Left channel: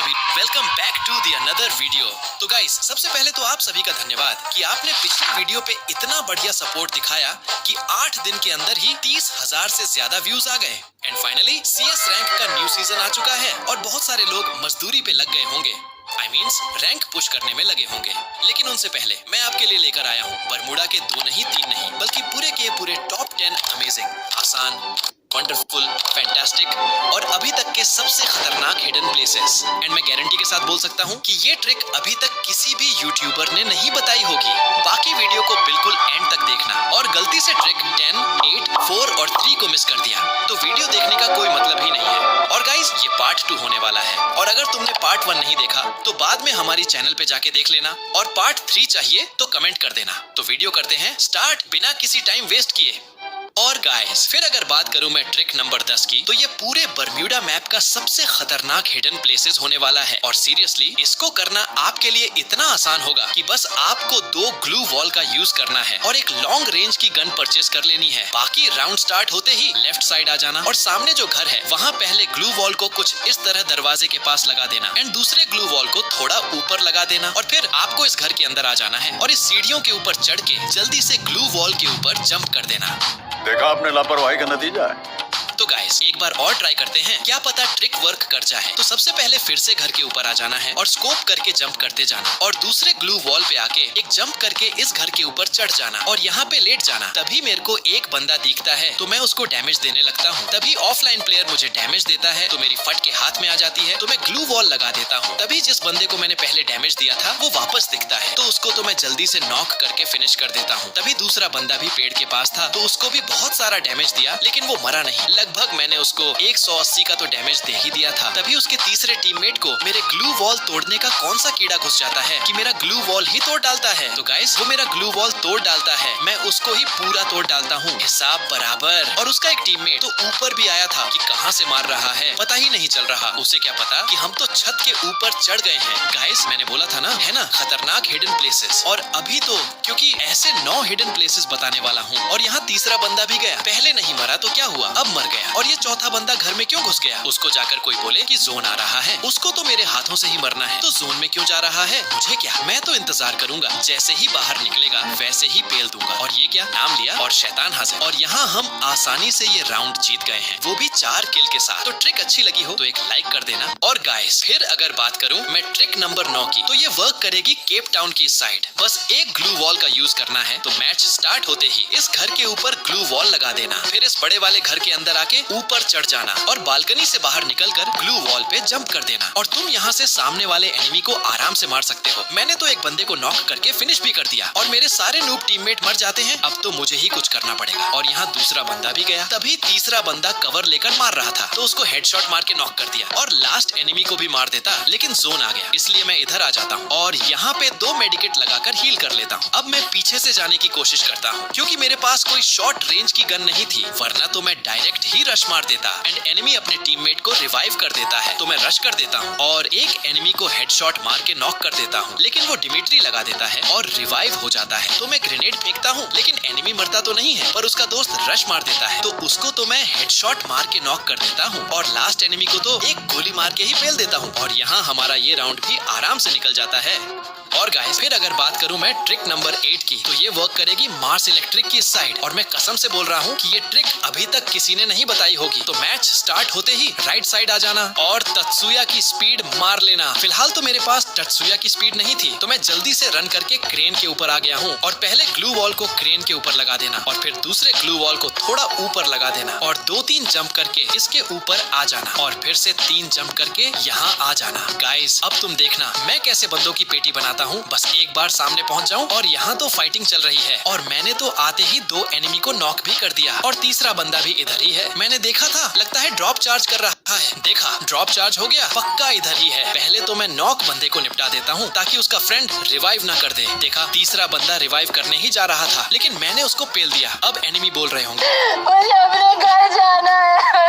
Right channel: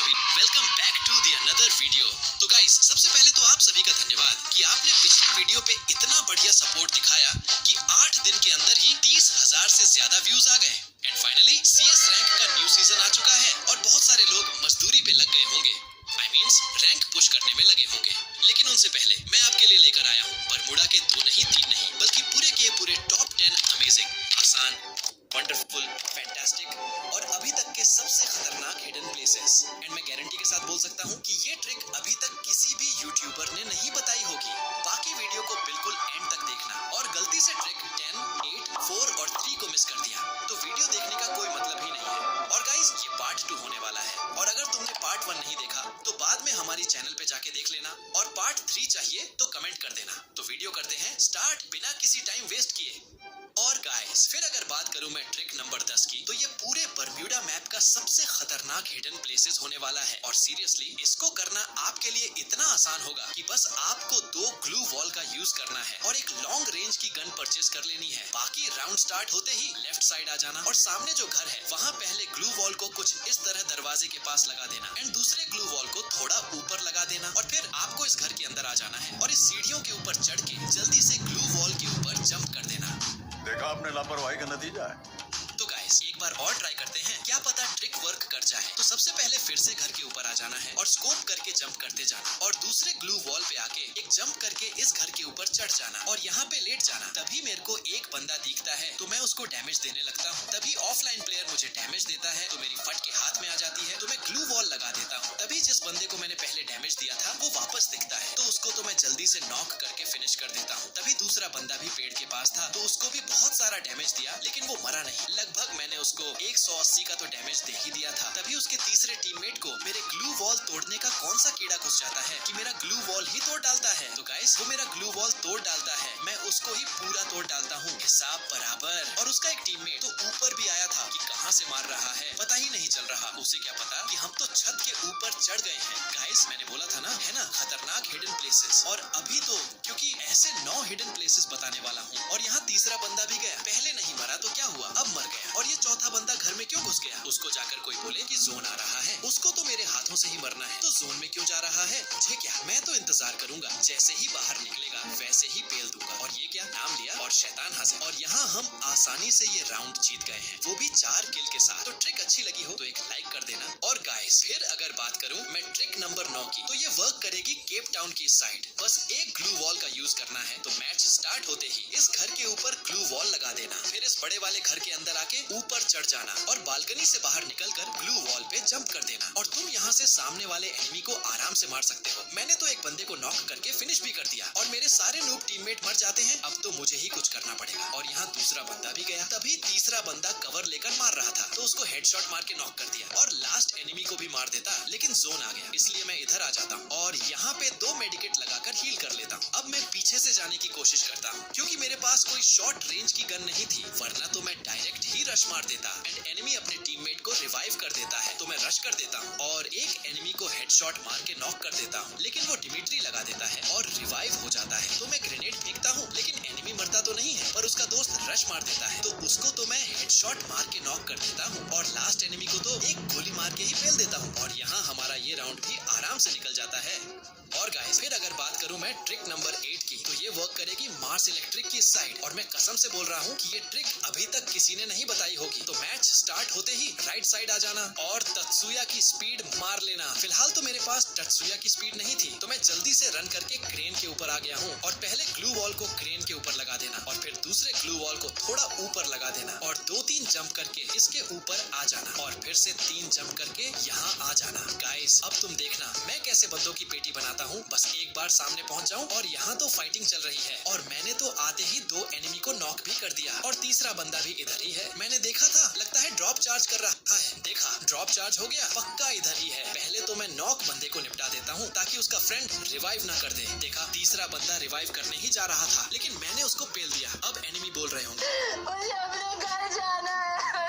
सभी, welcome back to the another video. तो guys, सबसे पहले तो आप सभी का धन्यवाद कि आपने पिछले वीडियो पे इतना बढ़िया सपोर्ट दिखाया कि 8 दिन के अंदर ही 30,000 से ज्यादा व्यूज आ गए। एंड फाइनली CS रैंक का न्यू सीजन आ चुका है और बहुत सारे लोग मजदूरी पे लग गए होंगे। आई मीन्स रैंक पुश करने में लगे होंगे। लेकिन उनसे पहले मैं आपके लिए लेकर आया हूँ बरमूडा के 2 नहीं 3 नहीं बल्कि पूरे के पूरे टॉप 10 अमेजिंग, आसान, वंडरफुल, फैंटास्टिक और अभी तक के सबसे खतरनाक हिडन प्लेसेस। एंड मैं गारंटी के साथ बोल सकता हूँ कि ये ट्रिक अभी तक किसी भी यूट्यूबर ने नहीं बताई होगी। बाकी वीडियो को बिल्कुल एंड तक देखना। और गलती से ट्रिक 10, 8, 4 और 3 को मिस कर दिया तो वीडियो देखने का कोई मतलब ही नहीं है। और गाइस, ये पार्ट 2 होने वाला है और अगर तुमने पार्ट 1 नहीं देखा तो बाद में हमारी चैनल पे जाके देख लेना। और पार्ट 3 चाहिए तो कमेंट कर देना। तो वीडियो करते हैं स्टार्ट बिना किसी टाइम वेस्ट किए। और गाइस, फिर अगर बात करूं मैं ट्रिक नंबर 10 की, तो ये पूरे बरम्यूडा मैप का सबसे खतरनाक हिडन प्लेसेस होने वाला है। और सीरियसली इसको करना आपके लिए इतना आसान होगा कि बस आपको 2 ग्लू वॉल का यूज करना है और एक लॉन्ग रेंज की गन परचेज कर लेनी है। बाकी राउंड स्टार्ट होते ही लेफ्ट साइड आ जाना और सामने जो घर है वहाँ पहले ग्लू वॉल को कुछ इस तरह दरवाजे के पास लगा देना एंड दूसरे ग्लू वॉल को थोड़ा ऊपर लगा देना और फिर आपको इस घर के अंदर आ जाना है और इस सीढ़ियों के ऊपर चढ़ के जल्दी से ग्लू वॉल के ऊपर जंप कर देना। देखा आपने लापरवाही का नतीजा है। तो गाइस, एक बार और ट्राई करते हैं, क्या पता ट्रिक वर्क कर जाए। तो सबसे पहले फिर से घर के ऊपर आ जाना है और स्कोप करके जंप करते जाना और दूसरे ग्लू वॉल पे आके एक जंप करके इस घर के ऊपर चढ़ जाना और यहाँ पे लेट जाना। तभी मेरे को एक बंदा दिखता है तो मैं उसको डैमेज देने लगता हूँ। तभी ऑफलाइन प्लेयर मुझे डैमेज देता है तो मेरी फट के हाथ में आ जाती है तो मैं ग्लू वॉल लगा देता हूँ। तभी जिस बंदे को मैंने पहले डैमेज दिया था वो वापस दिखता है तो उसको तो मैं जल्दी से नॉक करके फिनिश कर देता हूँ। तभी दूसरा बंदा भी पेड़ के पास था तो उसको भी बहुत सारा डैमेज दिया लेकिन वो मरा नहीं। लगभग मैंने उसको 180 का तो डैमेज दे ही दिया था। तभी उसके तीसरे टीममेट को मेरे ग्लू वॉल तोड़ने का कौन सा कीड़ा घुस जाता है कि मेरा ग्लू वॉल ही तोड़ डालता है। तो गाइस, वो मेरा ग्लू वॉल तोड़ डालता है, मैं उसको ही पूरा तोड़ डालता हूँ, हिसाब बराबर। और उसका एक टीममेट तो ऊपर भी आया था कि कहाँ से मार रहा है पता ही नहीं चल रहा। उसे क्या पता कि हम तो छत के ऊपर चढ़ गए हैं। गाइस, मैंने बोला था ना, है ना, खतरनाक हिडन प्लेसेस। और अभी तो क्योंकि ऐसे 9 हिडन प्लेसेस बताने वाला हूँ और यहाँ तीसरा बंदा भी गया। पहले नहीं मरा तो क्या हुआ, अब मर गया। और ये चौथा बंदा घर में क्यों घुस गया? उसको जाकर कोई बोले कि जोन आ रहा है, उसको तो मेरे हाथों से ही मरना है, तो जोन में क्यों जा रहा है? मुझे क्या, मैं तो इंतजार करूंगा, जैसे ही बाहर निकलेगा वैसे ही पेल दूंगा। और ये क्या, नाम लिया और शैतान हाजिर। और यहाँ हम आसानी से ये राउंड जीत गए हैं, वो भी 4 किल के साथ। तो ट्रिक अच्छी लगी हो तो एक लाइक कर देना। और गाइस, फिर अगर बात करूं मैं ट्रिक नंबर 9 की, तो ये वर्क करेगी केप टाउन की साइड। बस एक ग्लू वॉल का यूज करना है तो मैच स्टार्ट होते ही इस घर के ऊपर ग्लू वॉल लगा देना, फिर इस बड़े वाले घर के अंदर आके ऊपर चढ़ जाना और बालकनी से बाहर निकलकर ग्लू वॉल पे जंप कर देना और तुम यहाँ से सामने वाले एनिमी को आराम से मार सकते हो। मैंने तो एक बंदे को नॉक करके फिनिश भी कर दिया और मेरे सारे नूब टीममेट मर जाते हैं। अब तो मुझे ही कुछ करना पड़ेगा। और यहाँ दूसरा बंदा भी गया। तभी तीसरा बंदा कवर लेकर मार रहा था तो उसको हेडशॉट मार के नॉक कर दिया और लास्ट एनिमी को भी मार देता, लेकिन जोन आ गया इसलिए मैं इधर आ जाता हूँ और यहाँ पे 2 मेडिकेट लगाकर हील कर लेता हूँ। अब मैं पीछे से जाने की कोशिश करता हूँ क्योंकि मेरे पास कोई शॉर्ट रेंज की गन नहीं थी, वरना तो मैं डायरेक्ट ही रश मार देता एंड एनिमी अपने टीममेट को रिवाइव कर देता है तो मैं रश कर देता हूँ और एक एनिमी को हेडशॉट मार के नॉक कर देता हूँ, लेकिन वो डिमिट्री लगा देता है और रिवाइव हो जाता है। तो मैं ग्रेनेड फेंकता हूँ लेकिन एनिमी मरता तो नहीं है, पर उसका दोस्त रश मार देता है तो उसको तो मैं हेडशॉट मार के नॉक कर देता हूँ और लास्ट एनिमी को तो एक गोली मार के ही फेल देता हूँ और यहाँ हमारा ये राउंड भी आराम से निकल जाता है। और गाइस, फिर अगर बात करूं मैं ट्रिक नंबर 8 की, तो ये वर्क करेगी मार्स इलेक्ट्रिक की साइड और मैं कसम से बोल रहा हूं कि ये ट्रिक अभी तक किसी ने नहीं बताई होगी। तो मैच स्टार्ट होते ही राइट साइड आ जाना और तत्सुया की स्पीड मार लेना। फिलहाल तो मेरे पास तत्सुया की स्पीड नहीं थी तो मैं जल्दी से रन करके क्रेन के ऊपर आ गया हूँ और पहले ग्लू वॉल को क्रेन के ऊपर लगा देना और फिर दूसरे ग्लू वॉल को थोड़ा ऊपर लगा देना और 2-3 जंप करके इसके ऊपर आ जाना और फिर से 3 जंप करके यहाँ आ जाना। गाइस, अब तुम देखना मैं कैसे बंदों की पेटी बनाता हूँ। बस एक बार सामने पहुँच जाऊँ और यहाँ तो फाइटिंग चल रही है और मैंने तो आते ही 2 एनिमी को नॉक भी कर दिया और तीसरा बंदा भी इधर ही है। मैंने देखा था, लगता है ड्रॉप चार्ज कर रहा है। देखा, ड्रॉप चार्ज हो गया, पक्का इधर ही है। पहले तो मैं नॉक बंदे को निपटा देता हूँ ताकि उसका फ्रेंड रिवाइव ना कर दे। देखा, तीसरा बंदा रिवाइव करने ही जा रहा था लेकिन मैंने उसको पेल दिया। अब एनिमी बोल रहे होंगे मुझे अपने घर जाना है।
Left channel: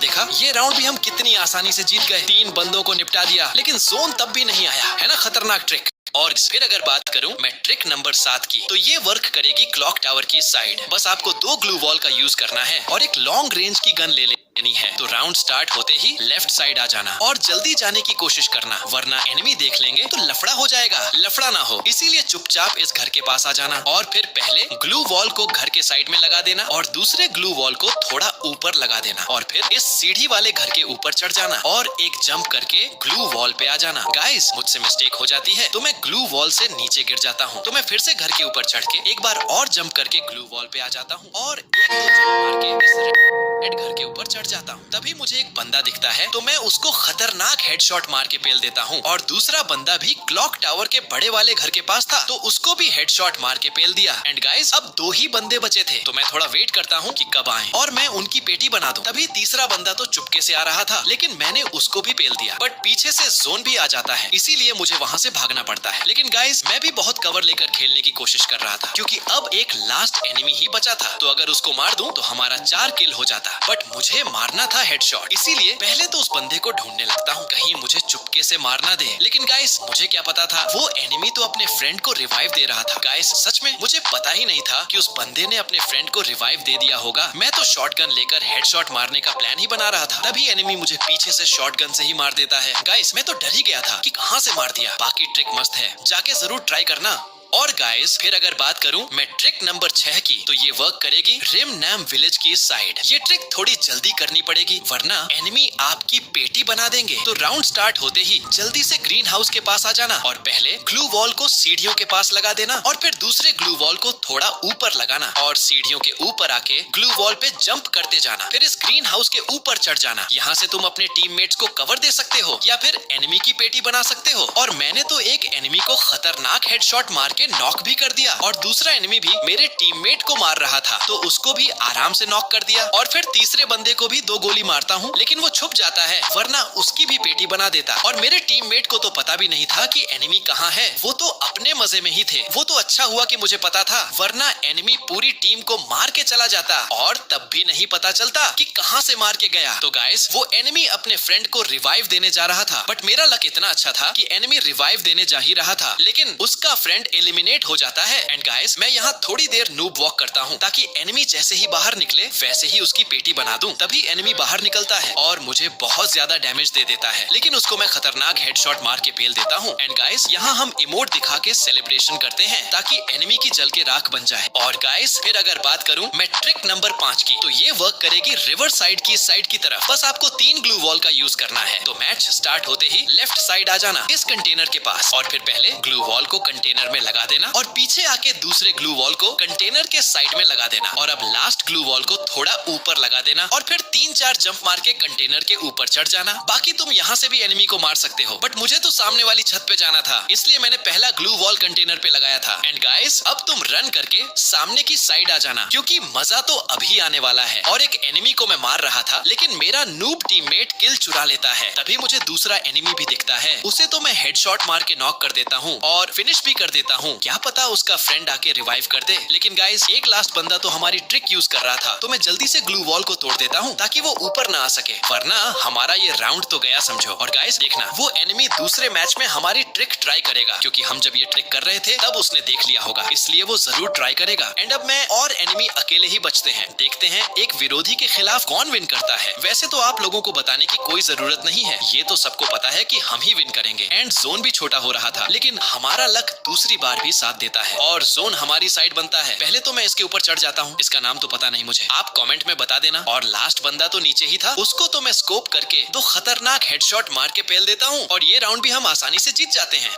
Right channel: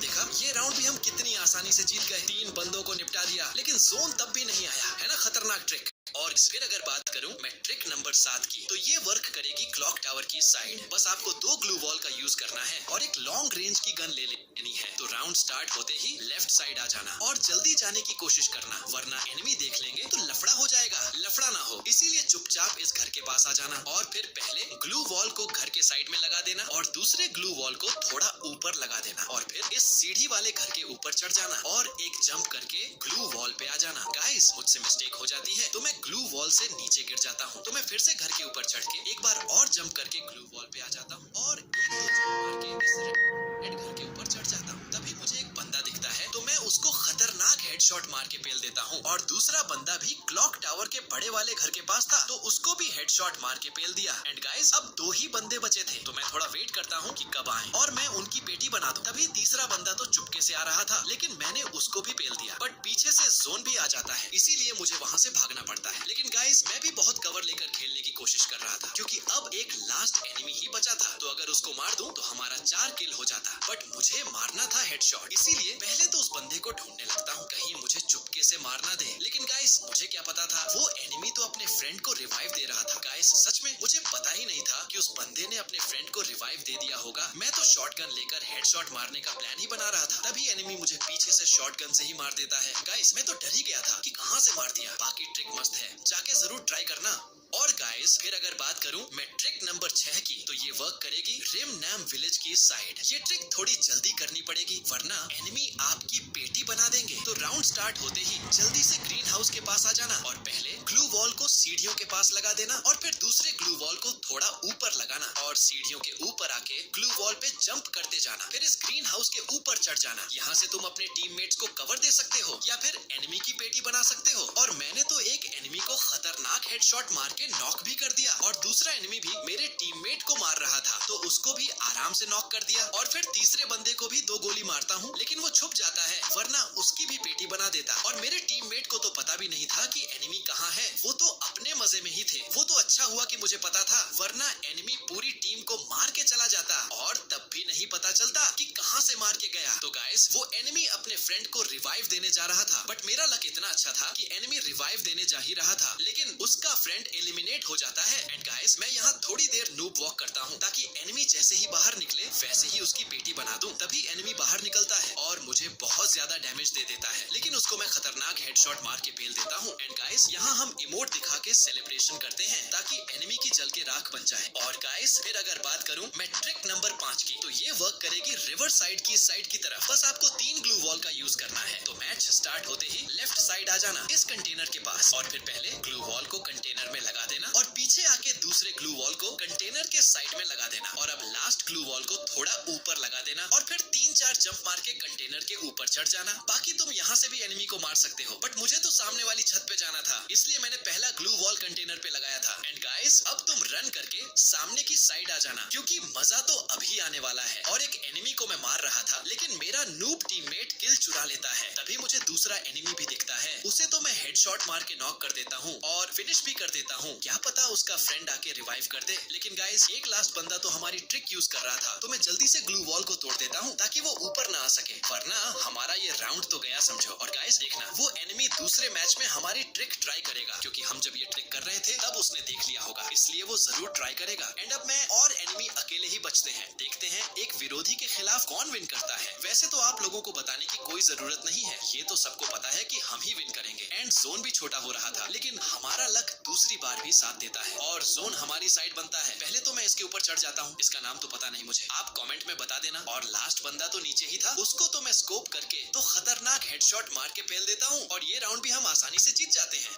देखा, ये राउंड भी हम कितनी आसानी से जीत गए। 3 बंदों को निपटा दिया लेकिन जोन तब भी नहीं आया, है ना खतरनाक ट्रिक। और फिर अगर बात करूं मैं ट्रिक नंबर 7 की, तो ये वर्क करेगी क्लॉक टावर की साइड। बस आपको 2 ग्लू वॉल का यूज करना है और एक लॉन्ग रेंज की गन ले ले नहीं है तो राउंड स्टार्ट होते ही लेफ्ट साइड आ जाना और जल्दी जाने की कोशिश करना, वरना एनिमी देख लेंगे तो लफड़ा हो जाएगा। लफड़ा ना हो इसीलिए चुपचाप इस घर के पास आ जाना और फिर पहले ग्लू वॉल को घर के साइड में लगा देना और दूसरे ग्लू वॉल को थोड़ा ऊपर लगा देना और फिर इस सीढ़ी वाले घर के ऊपर चढ़ जाना और एक जंप करके ग्लू वॉल पे आ जाना। गाइस मुझसे मिस्टेक हो जाती है तो मैं ग्लू वॉल से नीचे गिर जाता हूँ, तो मैं फिर से घर के ऊपर चढ़ के एक बार और जंप करके ग्लू वॉल पे आ जाता हूँ और एक दो जंप मार के इस रेड घर के ऊपर चढ़ जाता हूँ। तभी मुझे एक बंदा दिखता है तो मैं उसको खतरनाक हेडशॉट मार के पेल देता हूँ और दूसरा बंदा भी क्लॉक टावर के बड़े वाले घर के पास था तो उसको भी हेडशॉट मार के पेल दिया। एंड गाइस अब 2 ही बंदे बचे थे तो मैं थोड़ा वेट करता हूँ कि कब आए और मैं उनकी पेटी बना दूं। तभी तीसरा बंदा तो चुपके से आ रहा था लेकिन मैंने उसको भी पेल दिया, बट पीछे से जोन भी आ जाता है इसीलिए मुझे वहाँ से भागना पड़ता है। लेकिन गाइस मैं भी बहुत कवर लेकर खेलने की कोशिश कर रहा था क्योंकि अब एक लास्ट एनिमी ही बचा था, तो अगर उसको मार दूं तो हमारा 4 किल हो जाता, बट मुझे मारना था हेडशॉट, इसीलिए पहले तो उस बंदे को ढूंढने लगता हूँ कहीं मुझे चुपके से मार ना दे। लेकिन गाइस मुझे क्या पता था वो एनिमी तो अपने फ्रेंड को रिवाइव दे रहा था। गाइस सच में मुझे पता ही नहीं था कि उस बंदे ने अपने फ्रेंड को रिवाइव दे दिया होगा। मैं तो शॉटगन लेकर हेडशॉट मारने का प्लान ही बना रहा था, तभी एनिमी मुझे पीछे से शॉटगन से ही मार देता है। गाइस मैं तो डर ही गया था कि कहां से मार दिया। बाकी ट्रिक मस्त है, जाके जरूर ट्राई करना। और गाइस फिर अगर बात करूं मैं ट्रिक नंबर 6 की तो ये वर्क करेगी रिम नैम विलेज की साइड। ये ट्रिक थोड़ी जल्दी करनी पड़ेगी वरना एनिमी आपकी पेटी बना देंगे। तो राउंड स्टार्ट होते ही जल्दी से ग्रीन हाउस के पास आ जाना और पहले ग्लू वॉल को सीढ़ियों के पास लगा देना और फिर दूसरे ग्लू वॉल को थोड़ा ऊपर लगाना और सीढ़ियों के ऊपर आके ग्लू वॉल पे जंप करते जाना। फिर इस ग्रीन हाउस के ऊपर चढ़ जाना। यहाँ से तुम अपने टीममेट्स को कवर दे सकते हो या फिर एनिमी की पेटी बना सकते हो। और मैंने तो एक एनिमी को खतरनाक हेडशॉट मार के नॉक भी कर दिया और दूसरा एनिमी भी मेरे टीममेट को मार रहा था तो उसको भी आराम से नॉक कर दिया और फिर तीसरे बंदे को भी 2 गोली मारता हूँ लेकिन वो छुप जाता है वरना उसकी भी पेटी बना देता। और मेरे टीममेट को तो पता भी नहीं था कि एनिमी कहाँ है, वो तो अपने मजे में ही थे। वो तो अच्छा हुआ कि मुझे पता था वरना एनिमी पूरी टीम को मार के चला जाता और तब भी नहीं पता चलता कि कहाँ से मार के गया। तो गाइस वो एनिमी अपने फ्रेंड को रिवाइव देने जा रहा था, बट मेरा लक इतना अच्छा था कि एनिमी रिवाइव देने जा ही रहा था लेकिन उसका फ्रेंड एलिमिनेट हो जाता है। एंड गाइस मैं यहाँ थोड़ी देर नूब वॉक करता हूँ ताकि एनिमी जैसे ही बाहर निकले वैसे ही उसकी पेटी बना दूं। तभी एनिमी बाहर निकलता है और मुझे बहुत ज्यादा डैमेज दे देता है लेकिन उसको मैं खतरनाक हेडशॉट मार के पेल देता हूँ। एंड गाइस यहाँ हम इमोट दिखा के सेलिब्रेशन करते हैं ताकि एनिमी की जल के राख बन जाए। और गाइस फिर अगर बात करूँ मैं ट्रिक नंबर 5 की तो ये वर्क करेगी रिवर साइड की साइड की तरफ। बस आपको 3 ग्लू वॉल का यूज करना है। तो मैच स्टार्ट होते ही लेफ्ट साइड आ जाना इस कंटेनर के पास और फिर पहले ग्लू वॉल को कंटेनर में लगा देना और पीछे आके दूसरे ग्लू वॉल को कंटेनर के साइड में लगा देना और अब लास्ट ग्लू वॉल को थोड़ा ऊपर लगा देना और फिर 3-4 जंप मार के कंटेनर के ऊपर चढ़ जाना। बाकी तुम यहाँ से भी एनिमी को मार सकते हो बट मुझे तो सामने वाली छत पे जाना था इसलिए मैंने पहला ग्लू वॉल कंटेनर पे लगाया था। एंड गाइस अब तुम रन करके सामने की साइड आ जाना क्योंकि मजा तो अभी आने वाला है। और एक एनिमी को मैं मार रहा था लेकिन मेरा नूब टीममेट किल चुरा लेता है। तभी मुझे दूसरा एनिमी भी दिखता है, उसे तो मैं हेडशॉट मार के नॉक कर देता हूँ और फिनिश भी कर देता हूँ। क्या पता उसका फ्रेंड आके रिवाइव कर दे। लेकिन गाइस एक लास्ट बंदा तो हमारी ट्रिक यूज कर रहा था तो मैं जल्दी से ग्लू वॉल को तोड़ देता हूँ ताकि वो ऊपर ना आ सके वरना हमारा ये राउंड तो गया समझो। और गाइस देखना वो एनिमी दूसरे मैच में हमारी ट्रिक ट्राई करेगा क्योंकि हम जब ये ट्रिक कर रहे थे तब उसने देख लिया होगा इसलिए वो जरूर ट्राई करेगा। एंड अब मैं और एनिमी अकेले ही बचते हैं। देखते हैं एक विरोधी के खिलाफ कौन विन करता है। वैसे तो आप लोगों को बताने की कोई जरूरत नहीं है, ये तो सबको पता है कि हम ही विन करेंगे। एंड जोन भी छोटा हो रहा था लेकिन हमारा लक दूसरी बार भी साथ देता है और जोन हमारी साइड बनता है। पहले तो मैं इसके ऊपर चढ़ जाता हूँ, इसका नाम तो पता नहीं मुझे, आप कमेंट में बता देना। और लास्ट बंदा तो नीचे ही था, उसको तो मैं स्कोप करके 2 खतरनाक हेडशॉट मार के पेल देता हूँ और ये राउंड भी हम आसानी से जीत जाते हैं।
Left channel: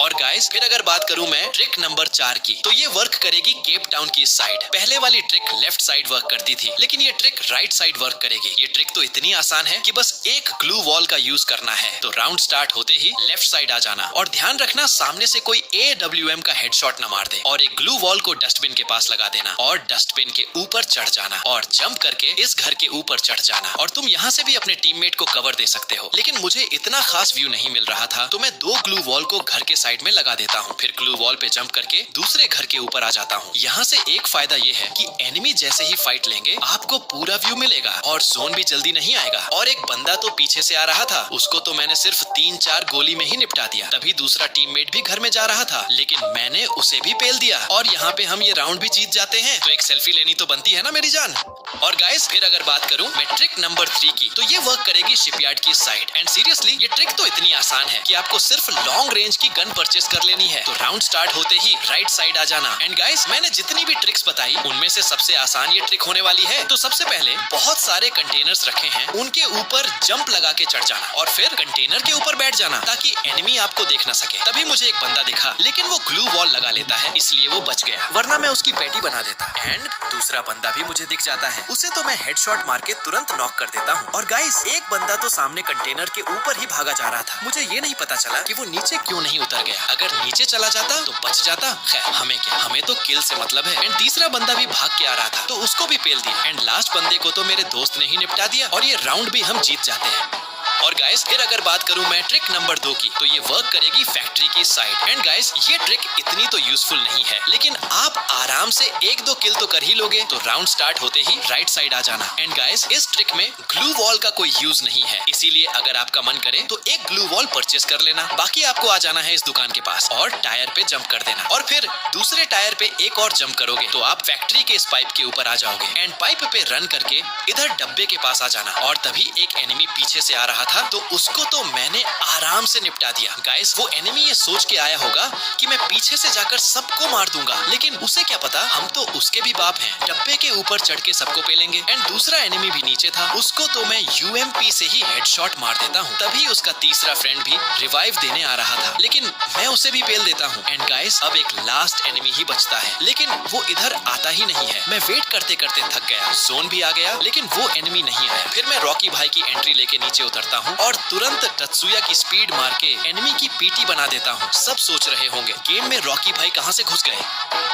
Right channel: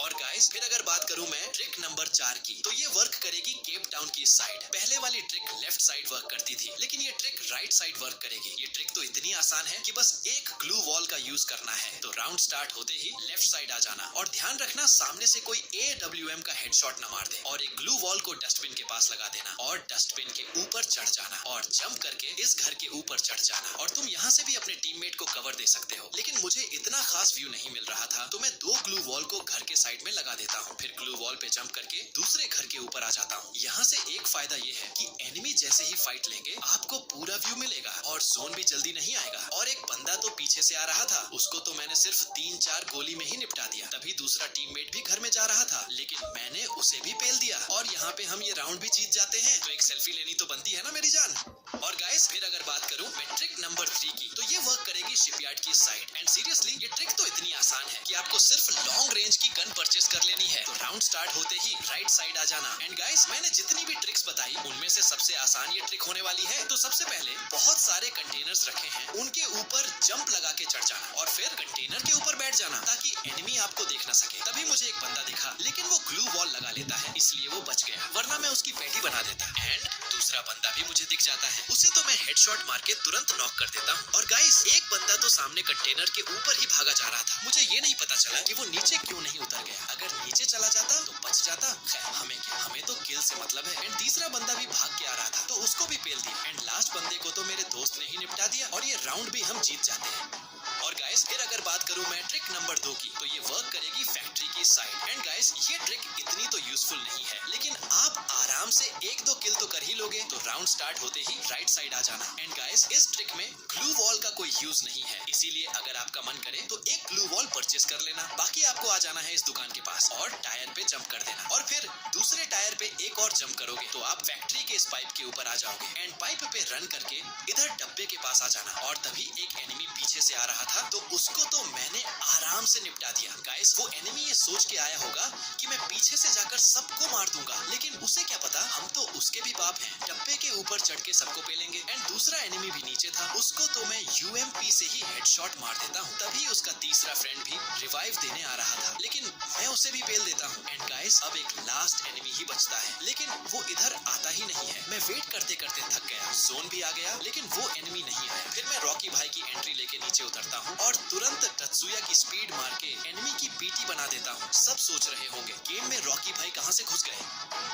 और गाइस फिर अगर बात करूं मैं ट्रिक नंबर 4 की तो ये वर्क करेगी केप टाउन की साइड। पहले वाली ट्रिक लेफ्ट साइड वर्क करती थी लेकिन ये ट्रिक राइट साइड वर्क करेगी। ये ट्रिक तो इतनी आसान है कि बस एक ग्लू वॉल का यूज करना है। तो राउंड स्टार्ट होते ही लेफ्ट साइड आ जाना और ध्यान रखना सामने से कोई AWM का हेडशॉट न मार दे और एक ग्लू वॉल को डस्टबिन के पास लगा देना और डस्टबिन के ऊपर चढ़ जाना और जंप करके इस घर के ऊपर चढ़ जाना। और तुम यहाँ से भी अपने टीममेट को कवर दे सकते हो लेकिन मुझे इतना खास व्यू नहीं मिल रहा था तो मैं 2 ग्लू वॉल को घर के साइड में लगा देता हूँ, फिर ग्लू वॉल पे जंप करके दूसरे घर के ऊपर आ जाता हूँ। यहाँ से एक फायदा ये है कि एनिमी जैसे ही फाइट लेंगे आपको पूरा व्यू मिलेगा और जोन भी जल्दी नहीं आएगा। और एक बंदा तो पीछे से आ रहा था, उसको तो मैंने सिर्फ 3-4 गोली में ही निपटा दिया। तभी दूसरा टीममेट भी घर में जा रहा था, लेकिन मैंने उसे भी पेल दिया और यहाँ पे हम ये राउंड भी जीत जाते हैं। तो एक सेल्फी लेनी तो बनती है ना मेरी जान। और गाइस फिर अगर बात करूं मैं ट्रिक नंबर 3 की, तो ये वर्क करेगी शिपयार्ड की साइड। एंड सीरियसली ये ट्रिक तो इतनी आसान है कि आपको सिर्फ लॉन्ग रेंज की गन परचेस कर लेनी है। तो राउंड स्टार्ट होते ही राइट साइड आ जाना। एंड गाइस मैंने जितनी भी ट्रिक्स बताई उनमें से सबसे आसान ये ट्रिक होने वाली है। तो सबसे पहले बहुत सारे कंटेनर्स रखे हैं, उनके ऊपर जंप लगा के चढ़ जाना और फिर कंटेनर के ऊपर बैठ जाना ताकि एनिमी आपको देख ना सके। तभी मुझे एक बंदा दिखा, लेकिन वो ग्लू वॉल लगा लेता है, इसलिए वो बच गया, वरना मैं उसकी पैटी बना देता। एंड दूसरा बंदा भी मुझे दिख जाता है, उसे तो मैं हेडशॉट मार के तुरंत नॉक कर देता हूँ। और गाइस एक बंदा तो सामने कंटेनर के ऊपर ही भागा जा रहा था, मुझे ये नहीं पता चला कि वो नीचे क्यों नहीं उतर गया। अगर नीचे चला जाता तो बच जाता। खैर हमें क्या, हमें तो किल से मतलब है। एंड तीसरा बंदा भी भाग के आ रहा था तो उसको भी पेल दिया। एंड लास्ट बंदे को तो मेरे दोस्त ने ही निपटा दिया और ये राउंड भी हम जीत जाते हैं। और गाइस फिर अगर बात करूं मैं ट्रिक नंबर 2 की, तो ये वर्क करेगी फैक्ट्री की साइड। एंड गाइस ये ट्रिक इतनी तो यूजफुल नहीं है, लेकिन आप आराम से 1-2 किल तो कर ही लोगे। तो राउंड स्टार्ट होते ही राइट साइड आ जाना। एंड गाइस इस ट्रिक में ग्लू वॉल का कोई यूज नहीं है, इसीलिए अगर आपका मन करे तो एक ग्लू वॉल परचेस कर लेना। बाकी आपको आ जाना है इस दुकान के पास और टायर पे जंप कर देना और फिर दूसरे टायर पे एक और जंप करोगे तो आप फैक्ट्री के इस पाइप के ऊपर आ जाओगे। एंड पाइप पे रन करके इधर डब्बे के पास आ जाना। और तभी एक एनिमी पीछे से आ रहा था तो उसको तो मैंने आराम से निपटा दिया। गाइस वो एनिमी ये सोच के आया होगा कि मैं पीछे से जाकर सबको मार दूंगा, लेकिन उसे क्या पता हम तो उसके भी बाप हैं, डब्बे के ऊपर चढ़ के सबको पेलेंगे। एंड दूसरा एनिमी भी नीचे था, उसको तो मैं यूएमपी से ही हेडशॉट मार देता हूँ। तभी उसका तीसरा फ्रेंड भी रिवाइव देने आ रहा था, लेकिन मैं उसे भी पेल देता हूँ। एंड गाइस अब एक लास्ट एनिमी ही बचता है, लेकिन वो इधर आता ही नहीं है। मैं वेट करते करते थक गया, जोन भी आ गया, लेकिन वो एनिमी नहीं आया। फिर मैं रॉकी भाई की एंट्री लेके नीचे उतरता हूँ और तुरंत टत्सुया की स्पीड मार के एनिमी की पीटी बना देता हूँ। सब सोच रहे होंगे गेम में रॉकी भाई कहाँ से घुस गए।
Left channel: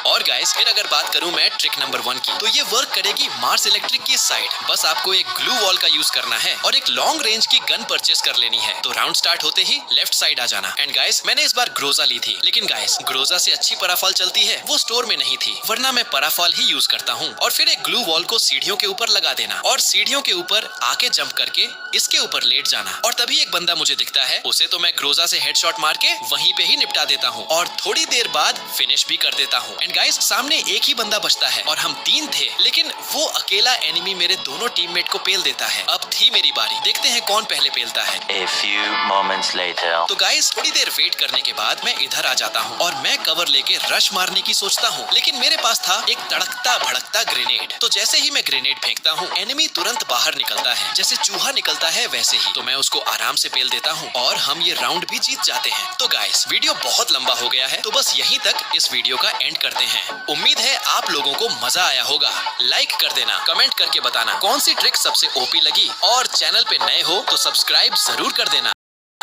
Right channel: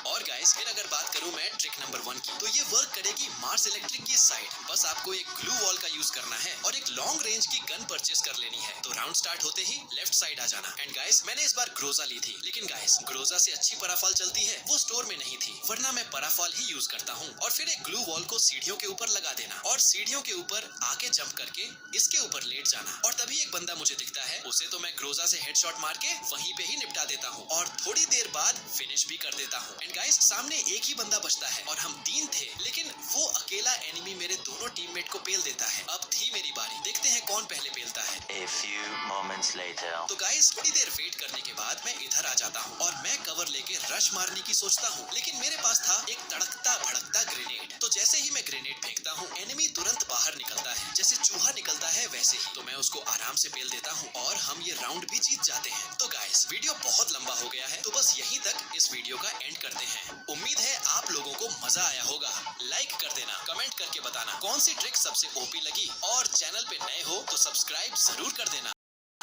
और गाइस फिर अगर बात करूं मैं ट्रिक नंबर 1 की, तो ये वर्क करेगी मार्स इलेक्ट्रिक की साइड। बस आपको एक ग्लू वॉल का यूज करना है और एक लॉन्ग रेंज की गन परचेस कर लेनी है। तो राउंड स्टार्ट होते ही लेफ्ट साइड आ जाना। एंड गाइस मैंने इस बार ग्रोजा ली थी, लेकिन गाइस ग्रोजा से अच्छी पराफॉल चलती है, वो स्टोर में नहीं थी, वरना मैं पराफॉल ही यूज करता हूँ। और फिर एक ग्लू वॉल को सीढ़ियों के ऊपर लगा देना और सीढ़ियों के ऊपर आके जंप करके इसके ऊपर लेट जाना। और तभी एक बंदा मुझे दिखता है, उसे तो मैं ग्रोजा से हेडशॉट मार के वहीं पे ही निपटा देता हूँ और थोड़ी देर बाद फिनिश भी कर देता हूँ। एंड गाइस सामने एक ही बंदा बचता है और हम 3 थे, लेकिन वो अकेला एनिमी मेरे दोनों टीममेट को पेल देता है। अब थी मेरी बारी, देखते हैं कौन पहले पेलता है। A few moments later. तो गाइस थोड़ी देर वेट करने के बाद मैं इधर आ जाता हूँ और मैं कवर लेके रश मारने की सोचता हूँ, लेकिन मेरे पास था एक तड़कता भड़कता ग्रेनेड। तो जैसे ही मैं ग्रेनेड फेंकता हूँ एनिमी तुरंत बाहर निकलता है, जैसे चूहा निकलता है वैसे ही। तो मैं उसको आराम से पेल देता हूँ और हम ये राउंड भी जीत जाते हैं। तो गाइस वीडियो बहुत लंबा हो गया है, तो बस यहीं तक इस वीडियो का एंड करते हैं। उम्मीद है आप लोगों को मजा आया होगा। लाइक कर देना, कमेंट करके बताना कौन सी ट्रिक सबसे ओपी लगी, और चैनल पे नए हो तो सब्सक्राइब जरूर कर देना।